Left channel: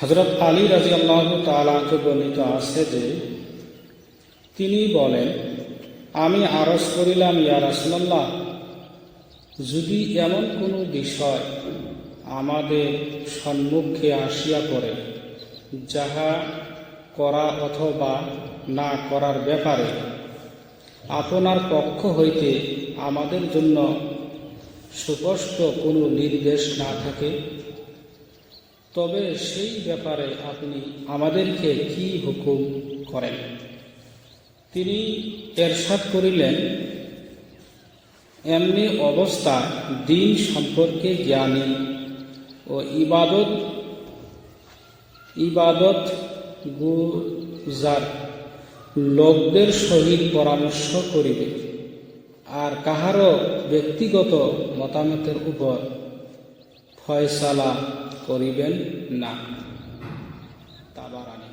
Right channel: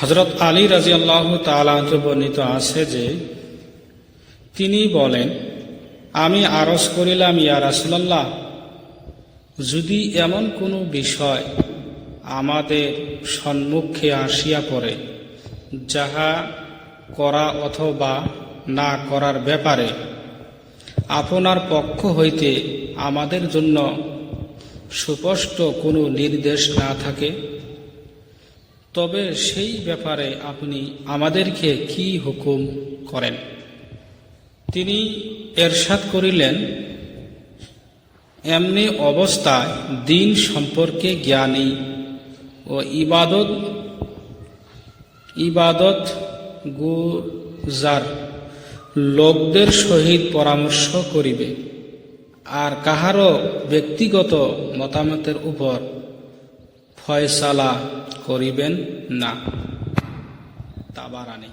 হজরত আলী রাজি আল্লাহ বর্ণিত আছে যে, তিনি বলেন, আমি আরজ করিলাম, ইয়া রাসুলাল্লাহ, যদি এমন কোনো বিষয় আমাদের সম্মুখে আসিয়া পড়ে, যাহা করা অথবা না করার ব্যাপারে আপনার পক্ষ হইতে আমাদের জন্য সুস্পষ্ট কোনো নির্দেশ না থাকে তবে সেই ব্যাপারে আপনি আমাদেরকে কি হুকুম করেন? তিনি এরশাদ করিলেন, এমনি অবস্থা দিন সম্পর্কে জ্ঞানী ও ইবাদত ইবাদত গুজার লোকদের সহিত পরামর্শ করিবে, আর কাহারও ব্যক্তিগত মতামতের উপর ফয়সালা করিবেন না। তাবারানি।